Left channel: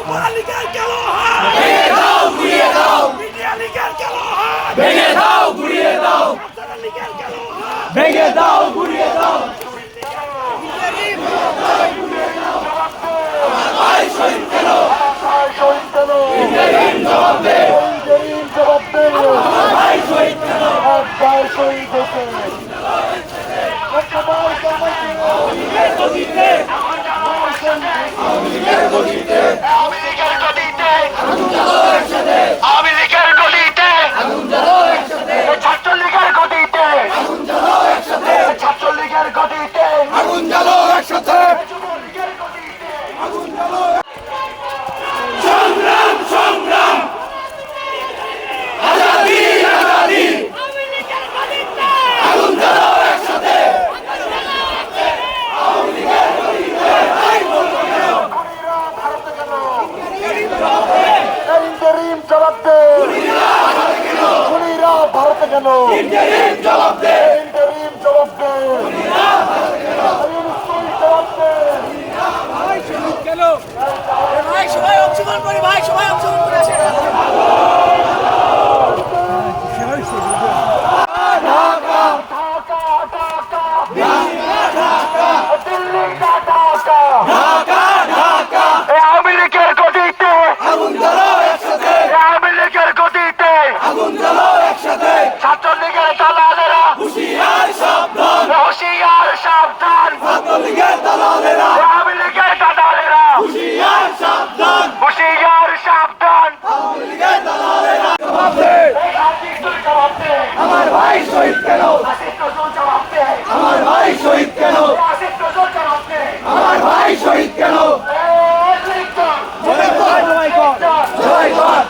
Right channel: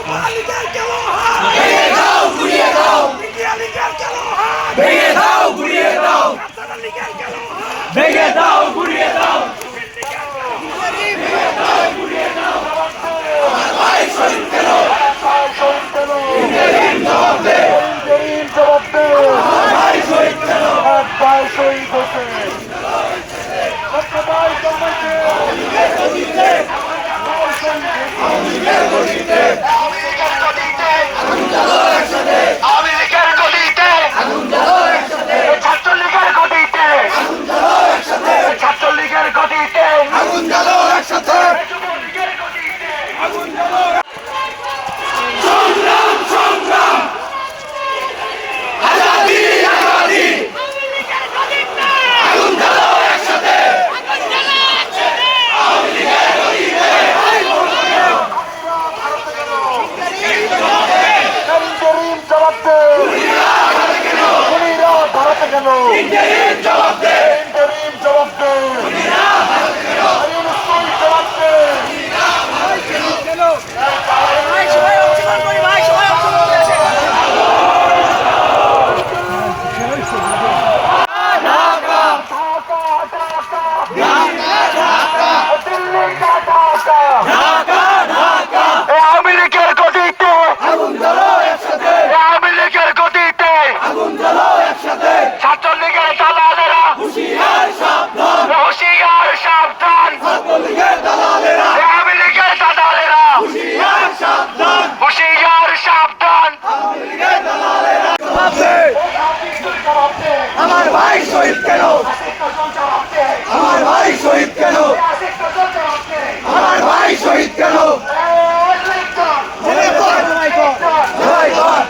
যুবলীগের গেল হাত ভেঙে দাও গুড়িয়ে দাও, মিডিয়া লীগের গেল হাত ভেঙে দাও গুড়িয়ে দাও, লীগের গেল হাত ভেঙে দাও গুড়িয়ে দাও। আমার ভাই শহীদ কেন, আমার ভাই শহীদ কেন, ইন্টারিম জবাব দে, ইন্টারিম জবাব দে, আমার ভাই শহীদ কেন, আমার ভাই শহীদ হয়েছে। আওয়ামী লীগের গদিতে, আওয়ামী লীগের গদিতে, আওয়ামী লীগের গদিতে আগুন জ্বালো একসাথে, আওয়ামী লীগের গদিতে আগুন জ্বালো একসাথে, ছাত্রলীগের গদিতে আগুন জ্বালো একসাথে, ছাত্রলীগের গদিতে আগুন জ্বালো একসাথে, আগুন জ্বালো। সংগ্রাম সংগ্রাম আজাদি আজাদি, আগুন জ্বালো একসাথে, আওয়ামী লীগের গদিতে ইন্টারিম জবাব দে, খুনিরা ভারতে কেন, ইন্টারিম জবাব দে, ইন্টারিম জবাব দে, জবাব দে। আওয়ামী লীগের গদিতে আগুন জ্বালো একসাথে, আওয়ামী লীগের গদিতে আগুন জ্বালো একসাথে, ছাত্রলীগের দালালেরা হুঁশিয়ার সাবধান, হুঁশিয়ার সাবধান, ছাত্রলীগের দালালেরা, আওয়ামী লীগের দালালেরা হুঁশিয়ার সাবধান, হুঁশিয়ার সাবধান, আওয়ামী লীগের দালালেরা। জবাব দে, আমার ভাই শহীদ কেন, জবাব দে, আমার ভাই শহীদ কেন, জবাব দে, আমার ভাই শহীদ কেন।